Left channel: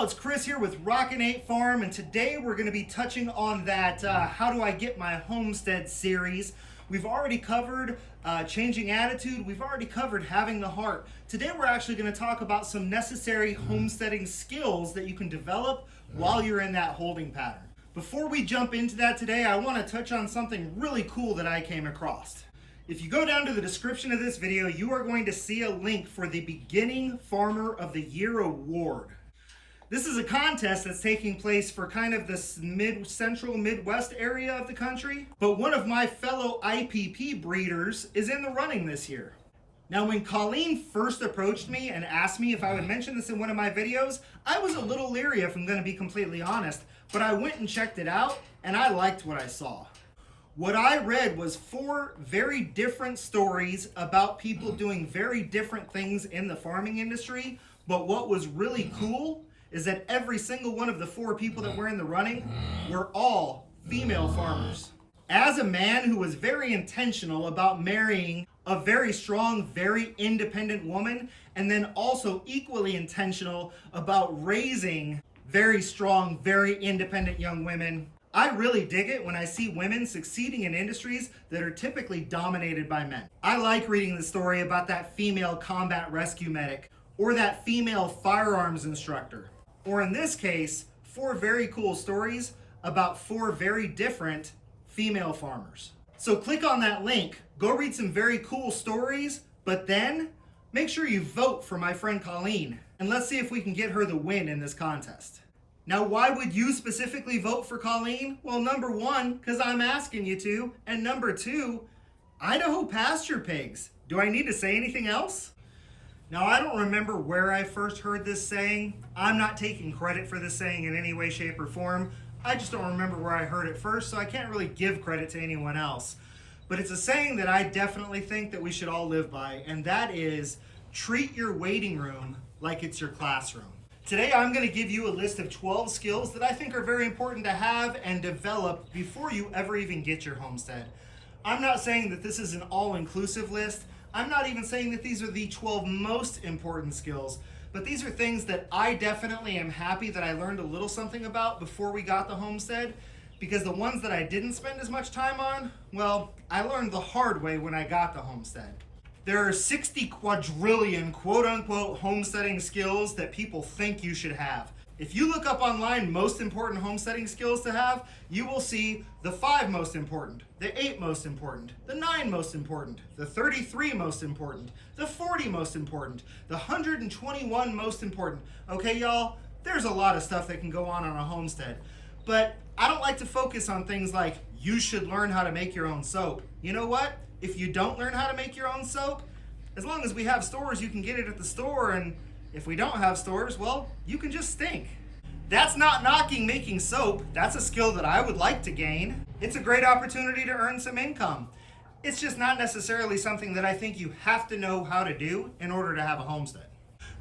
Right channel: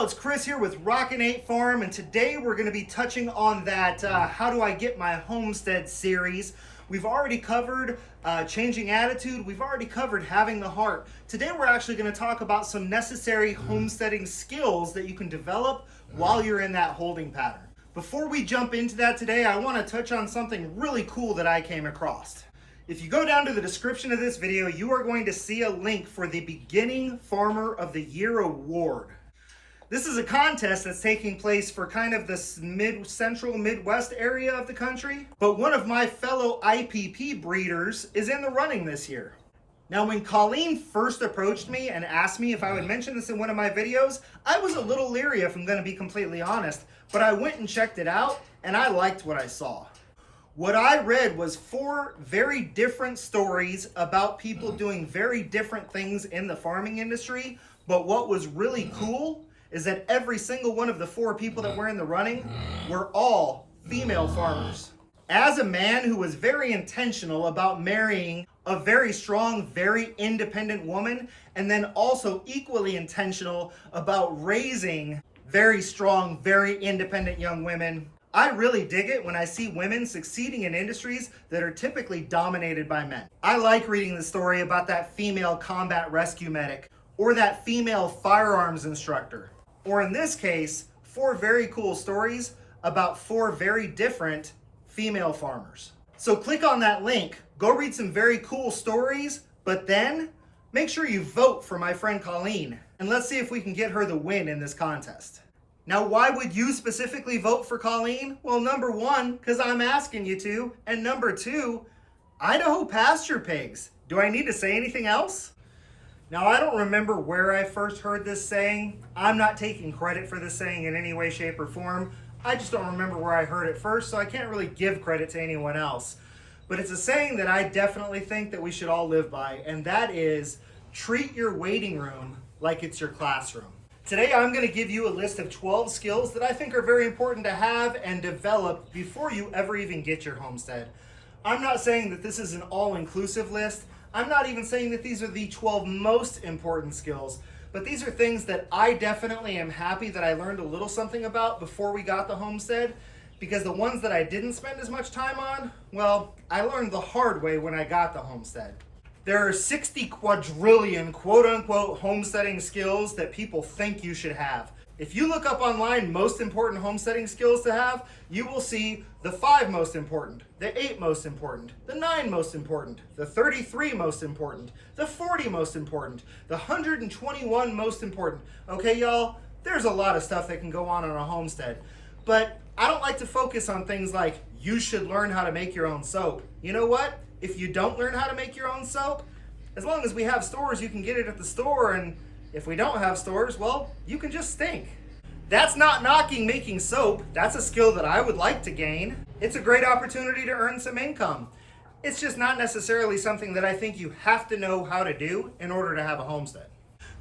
y'all, it's Chris here with Rockin Farm, and today we're going to be touching on that how do I get my homestead series. We've already covered changing attitude. We've already covered having the heart. Today we're actually going to talk about some necessary homesteading skills that you can develop while you're in that holding pattern. Before we jump into that today, I want to touch on something really cool that I came across. If you go down to the description of this video, you are going to see a link for the Beginning Farmer of the Year Award. This is a contest that's taking place for kind of this central Midwest area of the country. But one of my fellow IPP breeders is in the running this year. Now, when Colleen first approached me and asked me if I would mention this in one of my videos, I was a little leery if I'm going to be completely honest. But I went and checked it out and I liked what I saw. What I read was 4 very different stories about people doing very different things in the farming industry. But what was really cool is that every single one of the 4 people that were in the running were all female farmers. As a man who was very intentional about marrying a very strong, very independent woman, and then also equally intentional about raising very strong, very independent young women, I really dig it when I see women succeeding in industries that are typically dominated by men. I like reading the story about that female combat rescue medic, or that female firearms instructor. Or in this case, 4 very cool stories about 4 very different female farmers. So click on that link, go read some very cool stories, but then make sure you vote for my friend Colleen, and let's see if we can get her the win in this contest. Now, why would you specifically vote for Colleen? Well, number 1, because I'm asking you to, and number 2, Idaho pasture pigs. Do I need to say anything else? Now, I don't remember where I first heard this saying. I'm not taking credit for this saying in any way, shape, or form. I just don't remember where I heard it first, so I can't really give credit to anyone else. But it's a saying that I definitely think that we should all live by, and that is, treat your waiting room like it's your classroom. Today, I'm going to give you a list of 12 skills that I think are very important to have and develop before you ever even get your homestead. I'm not saying that this is an all-inclusive list. I'm not even saying that these are the 12 most important skills, but these are things that I definitely am happy that I learned a little something about before we got the homestead, because the ones that I didn't spend as much time on, well, I learned the hard way when I got the homestead. There are 60 quadrillion quote-unquote homesteading skills that people think you should have. If you look up online most important homesteading skills to have, you will see the 5 most important, the 8 most important, the 9 most important, the 33 most important, the 40 most important, the 121 most important. Okay, y'all, there's a lot of stuff that can go on a homestead. But I don't like to focus on things like, you should learn how to make your own soap. You know what? If you don't learn how to make your own soap, as long as we have stores, you can get it at the store, and if we don't have stores, well, you can just stink. That's not knocking making soap. That's a skill that I would like to gain. It's a great opportunity to earn some income. It's just not necessarily something that I think you have to know how to do in order to have a homestead.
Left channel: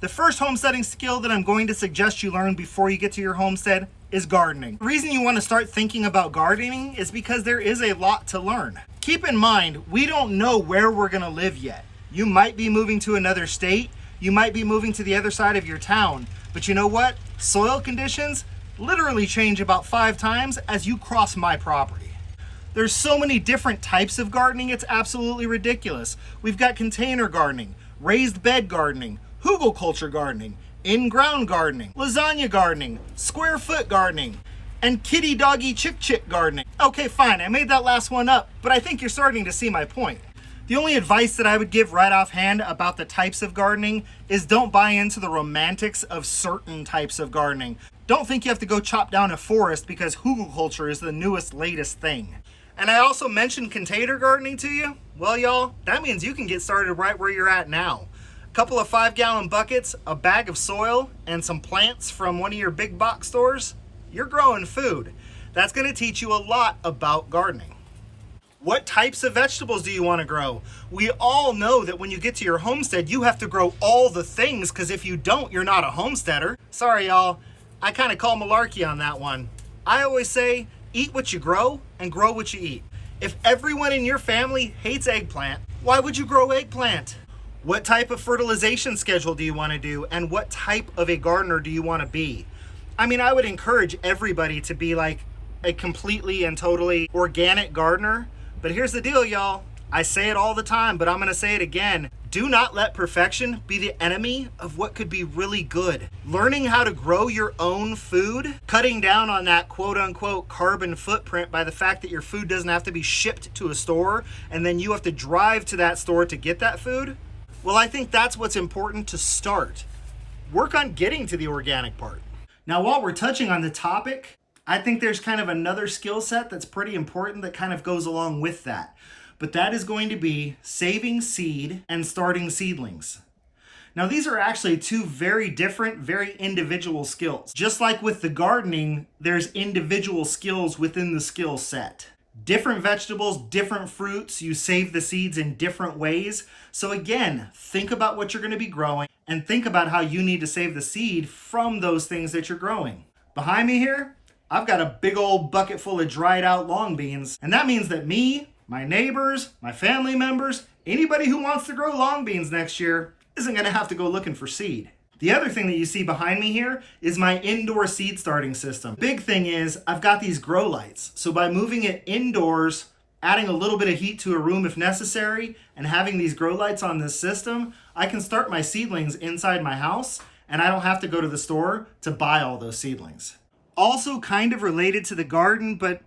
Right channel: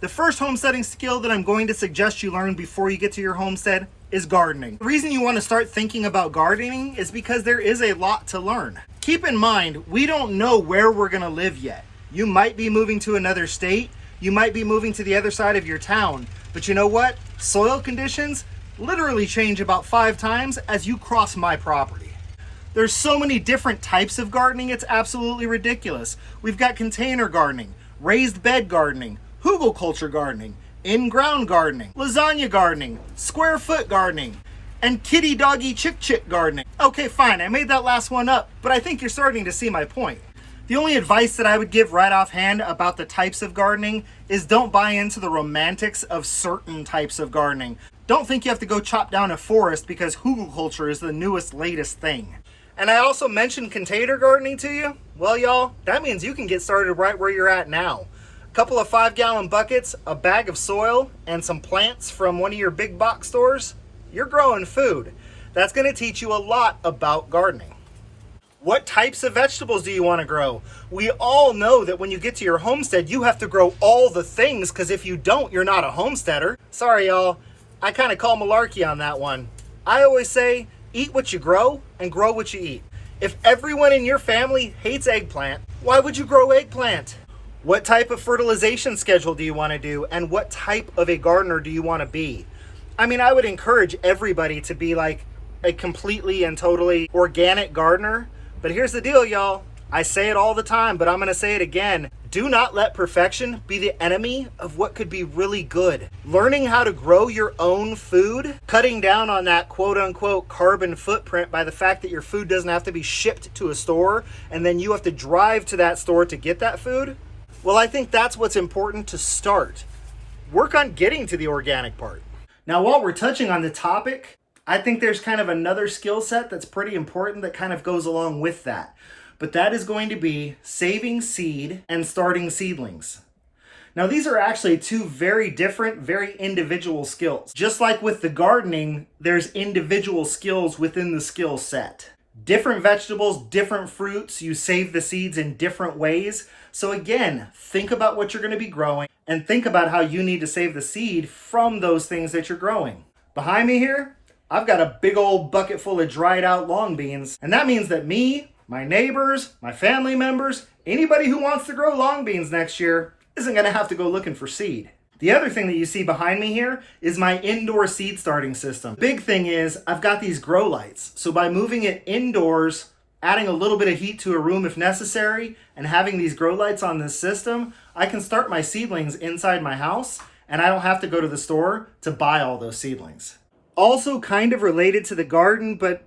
The first homesteading skill that I'm going to suggest you learn before you get to your homestead is gardening. The reason you want to start thinking about gardening is because there is a lot to learn. Keep in mind, we don't know where we're going to live yet. You might be moving to another state. You might be moving to the other side of your town. But you know what? Soil conditions literally change about 5 times as you cross my property. There's so many different types of gardening, it's absolutely ridiculous. We've got container gardening, raised bed gardening, hugelkultur gardening, in-ground gardening, lasagna gardening, square foot gardening, and kitty doggy chick gardening. Okay, fine, I made that last one up, but I think you're starting to see my point. The only advice that I would give right offhand about the types of gardening is don't buy into the romantics of certain types of gardening. Don't think you have to go chop down a forest because hugelkultur is the newest, latest thing. And I also mentioned container gardening to you. Well, y'all, that means you can get started right where you're at now. A couple of 5-gallon buckets, a bag of soil, and some plants from one of your big box stores. You're growing food. That's going to teach you a lot about gardening. What types of vegetables do you want to grow? We all know that when you get to your homestead, you have to grow all the things, because if you don't, you're not a homesteader. Sorry, y'all. I kind of call malarkey on that one. I always say, eat what you grow and grow what you eat. If everyone in your family hates eggplant, why would you grow eggplant? What type of fertilization schedule do you want to do, and what type of a gardener do you want to be? I mean, I would encourage everybody to be like a completely and totally organic gardener. But here's the deal, y'all. I say it all the time, but I'm gonna say it again. Do not let perfection be the enemy of what could be really good. Learning how to grow your own food, cutting down on that quote unquote carbon footprint by the fact that your food doesn't have to be shipped to a store and then you have to drive to that store to get that food. Well, I think that's what's important to start. Work on getting to the organic part. Now, while we're touching on the topic, I think there's kind of another skill set that's pretty important that kind of goes along with that. But that is going to be saving seed and starting seedlings. Now, these are actually two very different, very individual skills. Just like with the gardening, there's individual skills within the skill set. Different vegetables, different fruits, you save the seeds in different ways. So again, think about what you're going to be growing and think about how you need to save the seed from those things that you're growing. Behind me here, I've got a big old bucket full of dried out long beans, and that means that me, my neighbors, my family members, anybody who wants to grow long beans next year isn't going to have to go looking for seed. The other thing that you see behind me here is my indoor seed starting system. Big thing is I've got these grow lights. So by moving it indoors, adding a little bit of heat to a room if necessary, and having these grow lights on this system, I can start my seedlings inside my house and I don't have to go to the store to buy all those seedlings. Also kind of related to the garden, but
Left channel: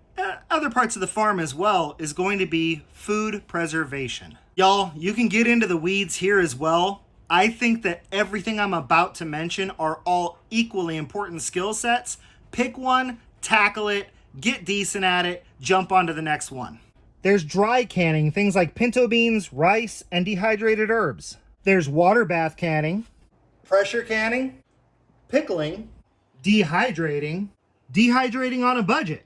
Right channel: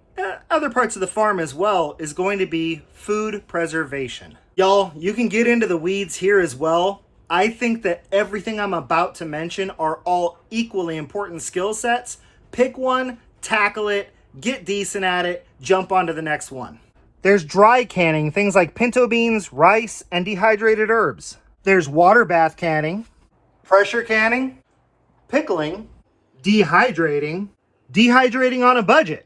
other parts of the farm as well, is going to be food preservation. Y'all, you can get into the weeds here as well. I think that everything I'm about to mention are all equally important skill sets. Pick one, tackle it, get decent at it, jump on to the next one. There's dry canning, things like pinto beans, rice, and dehydrated herbs. There's water bath canning, pressure canning, pickling, dehydrating on a budget,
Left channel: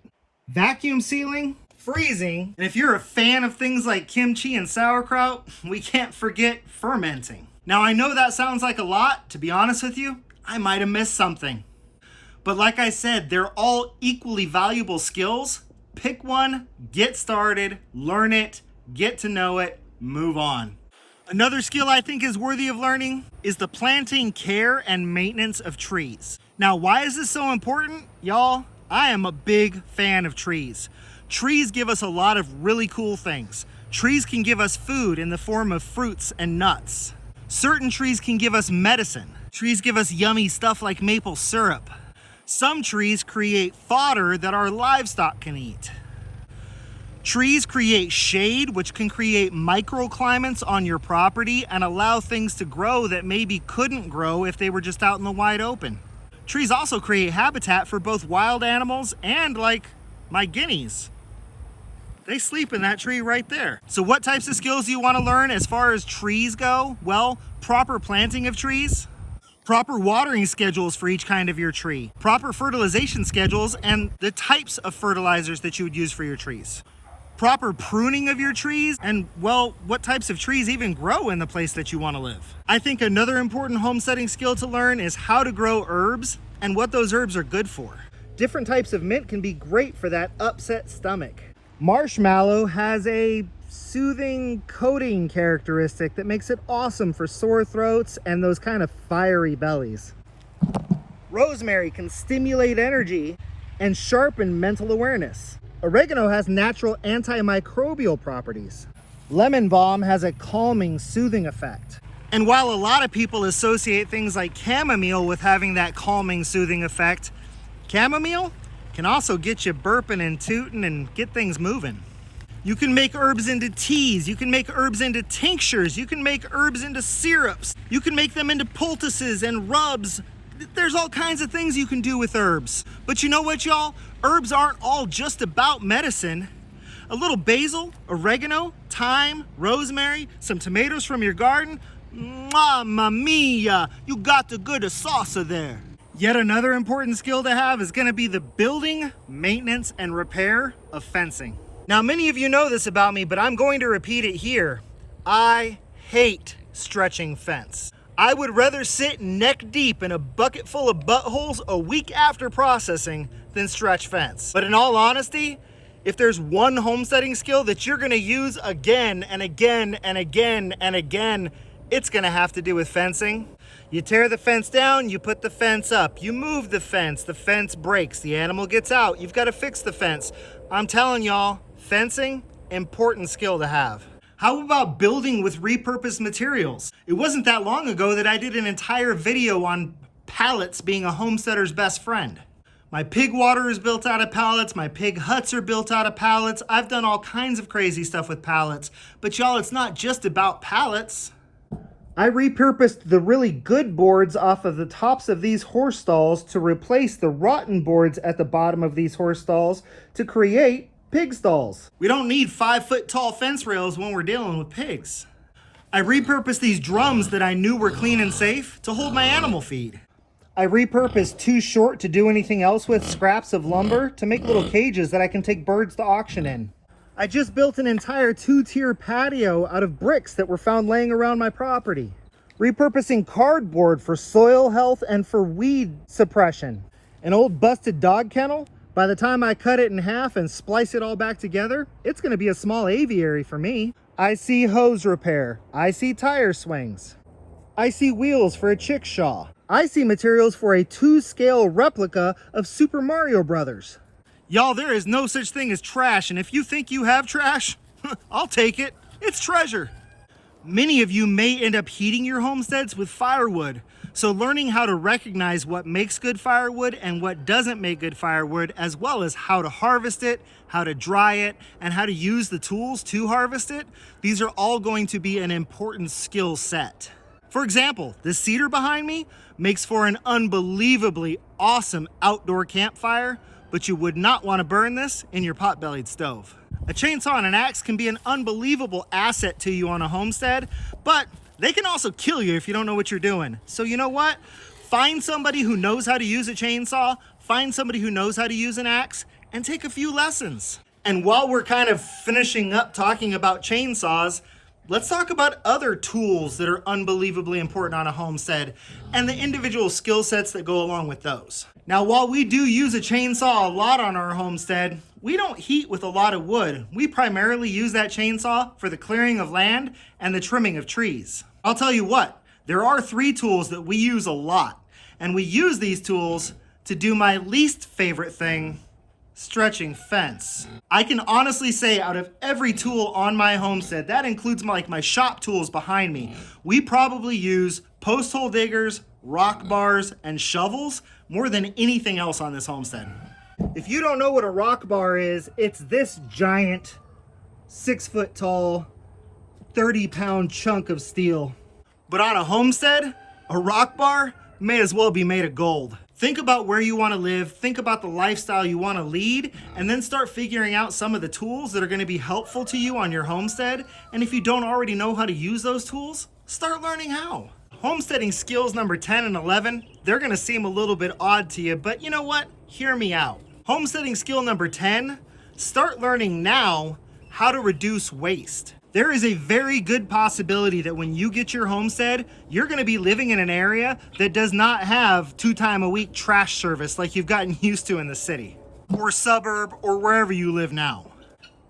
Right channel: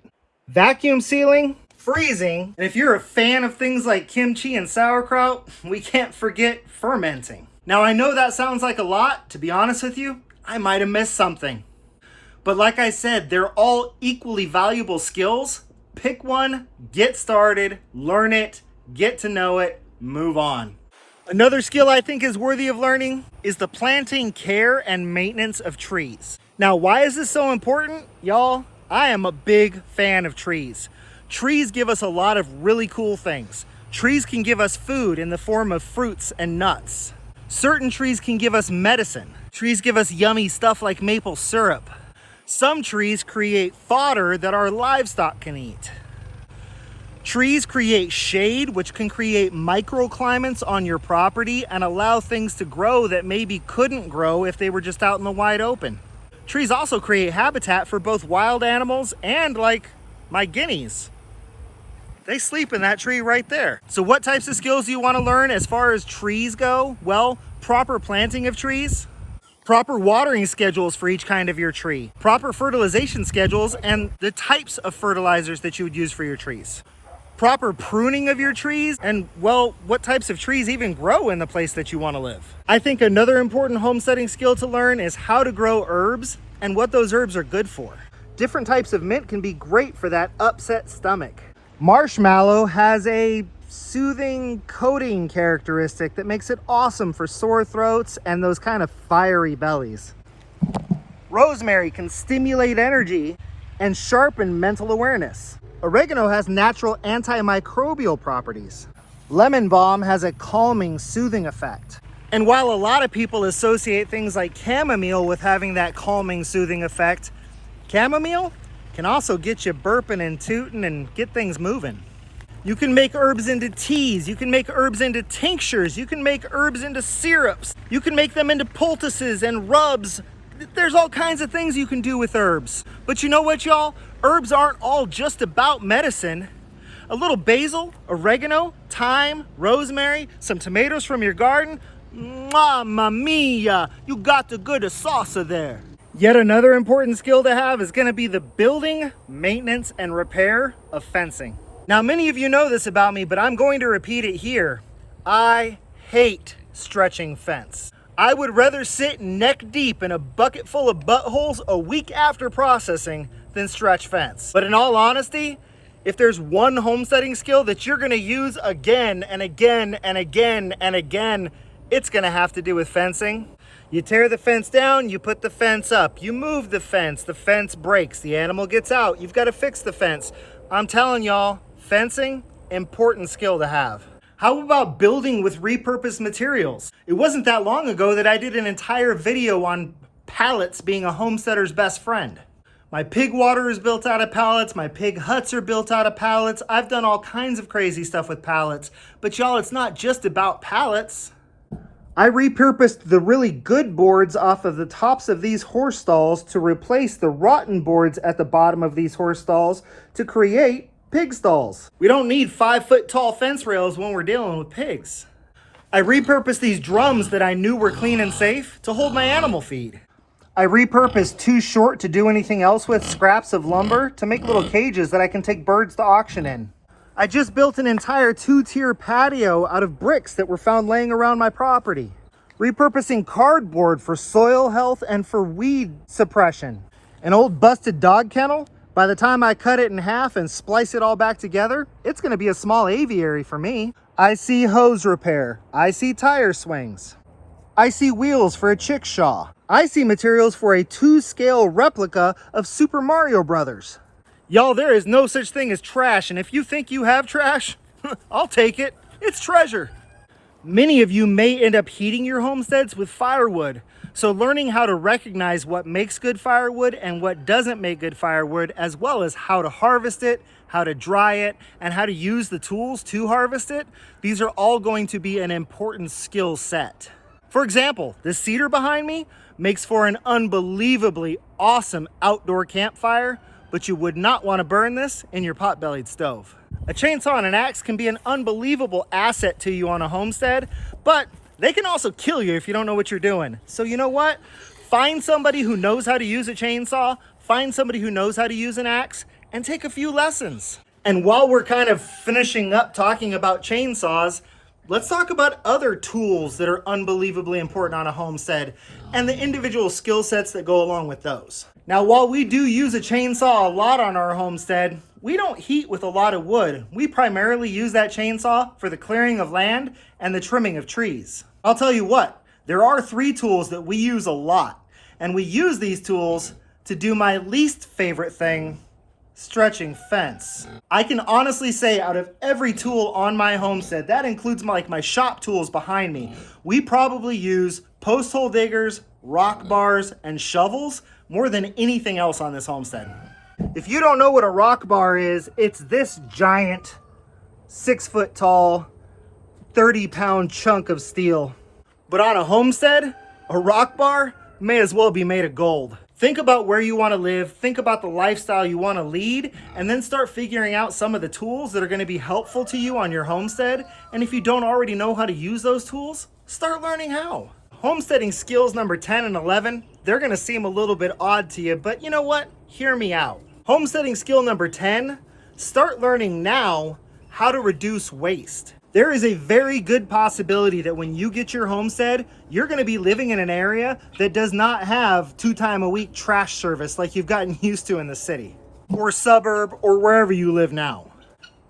vacuum sealing, freezing, and if you're a fan of things like kimchi and sauerkraut, we can't forget fermenting. Now, I know that sounds like a lot. To be honest with you, I might have missed something. But like I said, they're all equally valuable skills. Pick one, get started, learn it, get to know it, move on. Another skill I think is worthy of learning is the planting, care, and maintenance of trees. Now, why is this so important? Y'all, I am a big fan of trees. Trees give us a lot of really cool things. Trees can give us food in the form of fruits and nuts. Certain trees can give us medicine. Trees give us yummy stuff like maple syrup. Some trees create fodder that our livestock can eat. Trees create shade, which can create microclimates on your property and allow things to grow that maybe couldn't grow if they were just out in the wide open. Trees also create habitat for both wild animals and, like, my guineas. They sleep in that tree right there. So what types of skills do you want to learn as far as trees go? Well, proper planting of trees, proper watering schedules for each kind of your tree, proper fertilization schedules and the types of fertilizers that you would use for your trees, proper pruning of your trees, and, well, what types of trees even grow in the place that you want to live. I think another important homesteading skill to learn is how to grow herbs and what those herbs are good for. Different types of mint can be great for that upset stomach. Marshmallow has a soothing coating characteristic that makes it awesome for sore throats and those kind of fiery bellies. Rosemary can stimulate energy and sharpen mental awareness. Oregano has natural antimicrobial properties. Lemon balm has a calming, soothing effect. And while a lot of people associate things like chamomile with having that calming, soothing effect, chamomile can also get you burping and tooting and get things moving. You can make herbs into teas, you can make herbs into tinctures, you can make herbs into syrups, you can make them into poultices and rubs. There's all kinds of things you can do with herbs. But you know what, y'all? Herbs aren't all just about medicine. A little basil, oregano, thyme, rosemary, some tomatoes from your garden. Mamma mia, you got the good salsa there. Yet another important skill to have is going to be the building, maintenance, and repair of fencing. Now, many of you know this about me, but I'm going to repeat it here. I hate stretching fence. I would rather sit neck deep in a bucket full of buttholes a week after processing than stretch fence. But in all honesty, if there's one homesteading skill that you're going to use again and again and again and again, it's going to have to do with fencing. You tear the fence down, you put the fence up. You move the fence breaks, the animal gets out. You've got to fix the fence. I'm telling y'all, fencing, important skill to have. How about building with repurposed materials? It wasn't that long ago that I did an entire video on pallets being a homesteader's best friend. My pig water is built out of pallets. My pig huts are built out of pallets. I've done all kinds of crazy stuff with pallets. But y'all, it's not just about pallets. I repurposed the really good boards off of the tops of these horse stalls to replace the rotten boards at the bottom of these horse stalls to create pig stalls. We don't need 5-foot tall fence rails when we're dealing with pigs. I repurposed these drums that I knew were clean and safe to hold my animal feed. I repurposed too short to do anything else with scraps of lumber to make little cages that I can take birds to auction in. I just built an entire 2-tier patio out of bricks that were found laying around my property. Repurposing cardboard for soil health and for weed suppression. An old busted dog kennel, by the time I cut it in half and splice it all back together, it's gonna be a small aviary for me. I see hose repair. I see tire swings. I see wheels for a chickshaw. I see materials for a 2-scale replica of Super Mario Brothers. Y'all, there is no such thing as trash, and if you think you have trash, I'll take it. It's treasure. Many of you may end up heating your homesteads with firewood, so learning how to recognize what makes good firewood and what doesn't make good firewood, as well as how to harvest it, how to dry it, and how to use the tools to harvest it, these are all going to be an important skill set. For example, this cedar behind me makes for an unbelievably awesome outdoor campfire, but you would not want to burn this in your pot-bellied stove. A chainsaw and an axe can be an unbelievable asset to you on a homestead, but they can also kill you if you don't know what you're doing. So you know what? Find somebody who knows how to use a chainsaw, find somebody who knows how to use an axe, and take a few lessons. And while we're kind of finishing up talking about chainsaws, let's talk about other tools that are unbelievably important on a homestead and the individual skill sets that go along with those. Now, while we do use a chainsaw a lot on our homestead, we don't heat with a lot of wood. We primarily use that chainsaw for the clearing of land and the trimming of trees. I'll tell you what, there are 3 tools that we use a lot, and we use these tools to do my least favorite thing, stretching fence. I can honestly say out of every tool on my homestead, that includes my shop tools behind me, we probably use post hole diggers, rock bars, and shovels more than anything else on this homestead. If you don't know what a rock bar is, it's this giant 6-foot tall 30-pound chunk of steel. But on a homestead, a rock bar may as well be made of gold. Think about where you want to live, think about the lifestyle you want to lead, and then start figuring out some of the tools that are going to be helpful to you on your homestead. And if you don't already know how to use those tools, start learning how. Homesteading skills number 10 and 11, they're going to seem a little bit odd to you, but you know what? Hear me out. Homesteading skill number 10, start learning now how to reduce waste. There is a very good possibility that when you get your homestead, you're going to be living in an area that does not have 2-time-a-week trash service like you've gotten used to in the city, or suburb, or wherever you live now.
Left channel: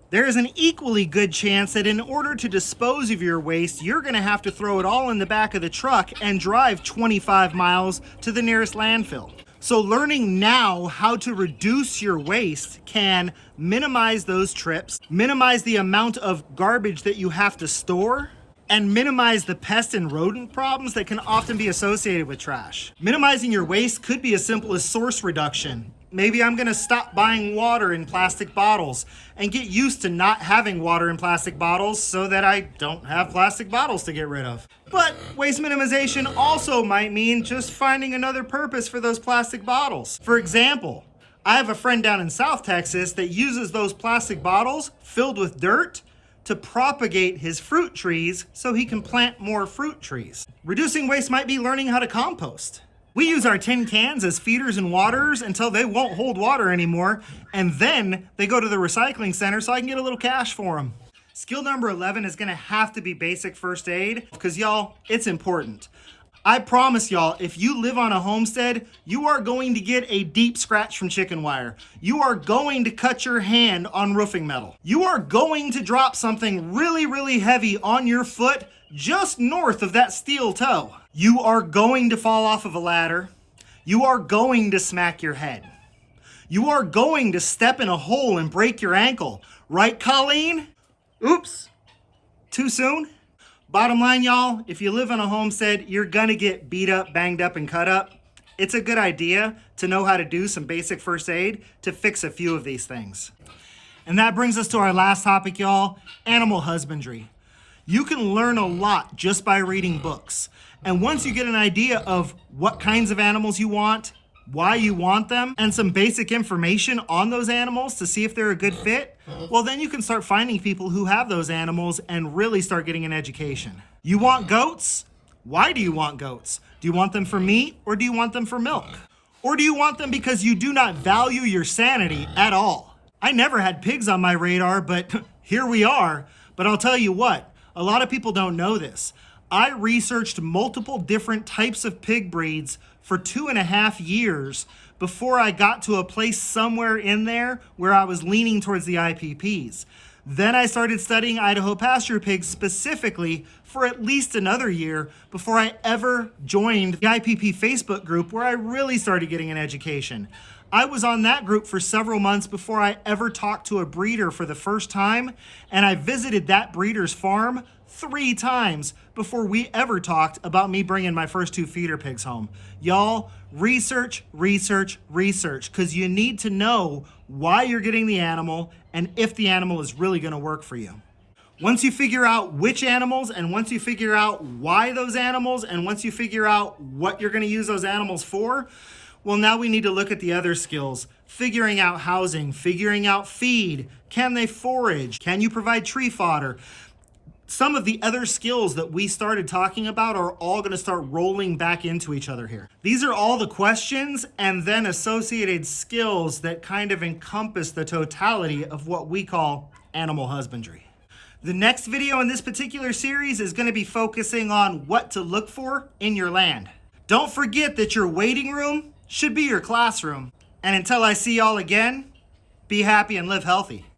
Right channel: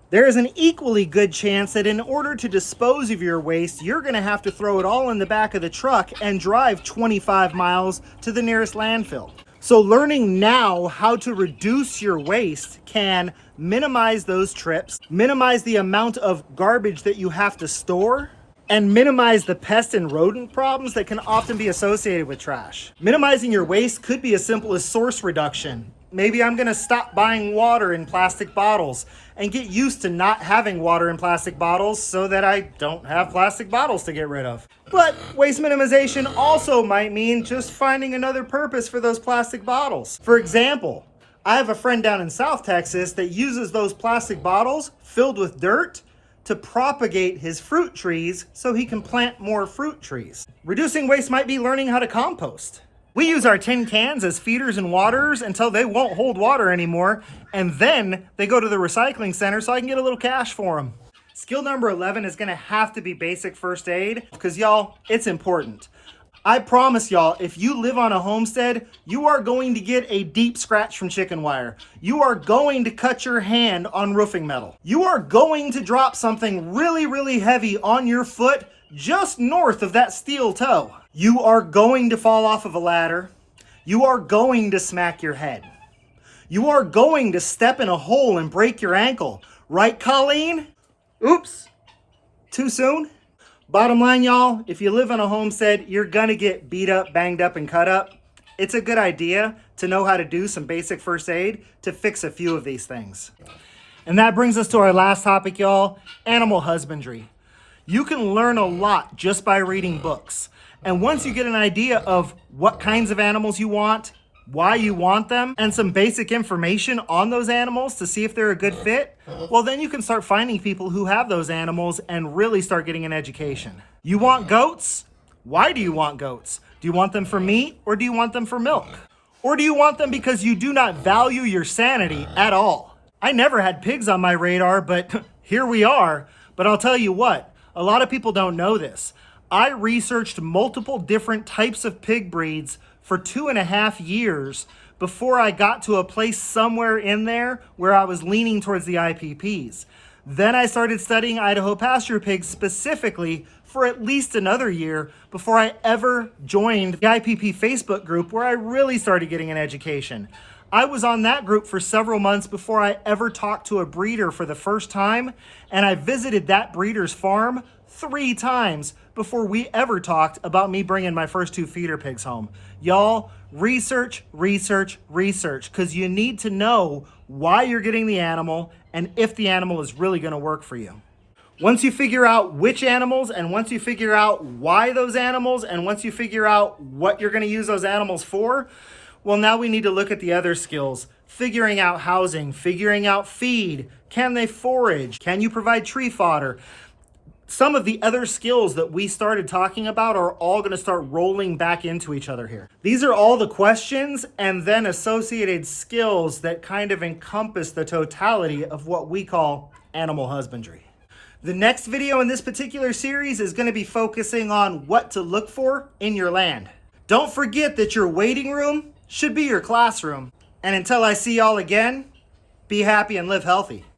There is an equally good chance that in order to dispose of your waste, you're going to have to throw it all in the back of the truck and drive 25 miles to the nearest landfill. So learning now how to reduce your waste can minimize those trips, minimize the amount of garbage that you have to store, and minimize the pest and rodent problems that can often be associated with trash. Minimizing your waste could be as simple as source reduction. Maybe I'm gonna stop buying water in plastic bottles and get used to not having water in plastic bottles so that I don't have plastic bottles to get rid of. But waste minimization also might mean just finding another purpose for those plastic bottles. For example, I have a friend down in South Texas that uses those plastic bottles filled with dirt to propagate his fruit trees so he can plant more fruit trees. Reducing waste might be learning how to compost. We use our tin cans as feeders and waterers until they won't hold water anymore, and then they go to the recycling center so I can get a little cash for them. Skill number 11 is gonna have to be basic first aid, because y'all, it's important. I promise y'all, if you live on a homestead, you are going to get a deep scratch from chicken wire. You are going to cut your hand on roofing metal. You are going to drop something really, really heavy on your foot just north of that steel toe. You are going to fall off of a ladder. You are going to smack your head. You are going to step in a hole and break your ankle. Right, Colleen? Oops. Too soon? Bottom line, y'all, if you live on a homestead, you're gonna get beat up, banged up, and cut up. It's a good idea to know how to do some basic first aid to fix a few of these things. And that brings us to our last topic, y'all, animal husbandry. You can learn a lot just by reading books. And once you get an idea of what kinds of animals you want, why you want them, and some basic information on those animals to see if they're a good fit, well, then you can start finding people who have those animals and really start getting an education. You want goats? Why do you want goats? Do you want them for meat or do you want them for milk? Or do you want them because you do not value your sanity at all? I never had pigs on my radar, but here we are. But I'll tell you what, a lot of people don't know this. I researched multiple different types of pig breeds for 2.5 years before I got to a place somewhere in there where I was leaning towards the IPPs. Then I started studying Idaho pasture pigs specifically for at least another year before I ever joined the IPP Facebook group where I really started getting an education. I was on that group for several months before I ever talked to a breeder for the first time, and I visited that breeder's farm 3 times before we ever talked about me bringing my first 2 feeder pigs home. Y'all, research, because you need to know why you're getting the animal and if the animal is really going to work for you. Once you figure out which animals, and once you figure out why those animals, and once you figure out what you're going to use those animals for, well, now we need to look at the other skills. Figuring out housing, figuring out feed. Can they forage? Can you provide tree fodder? Some of the other skills that we started talking about are all going to start rolling back into each other here. These are all the questions and then associated skills that kind of encompass the totality of what we call animal husbandry. The next video in this particular series is going to be focusing on what to look for in your land. Don't forget that your waiting room should be your classroom. And until I see y'all again, be happy and live healthy.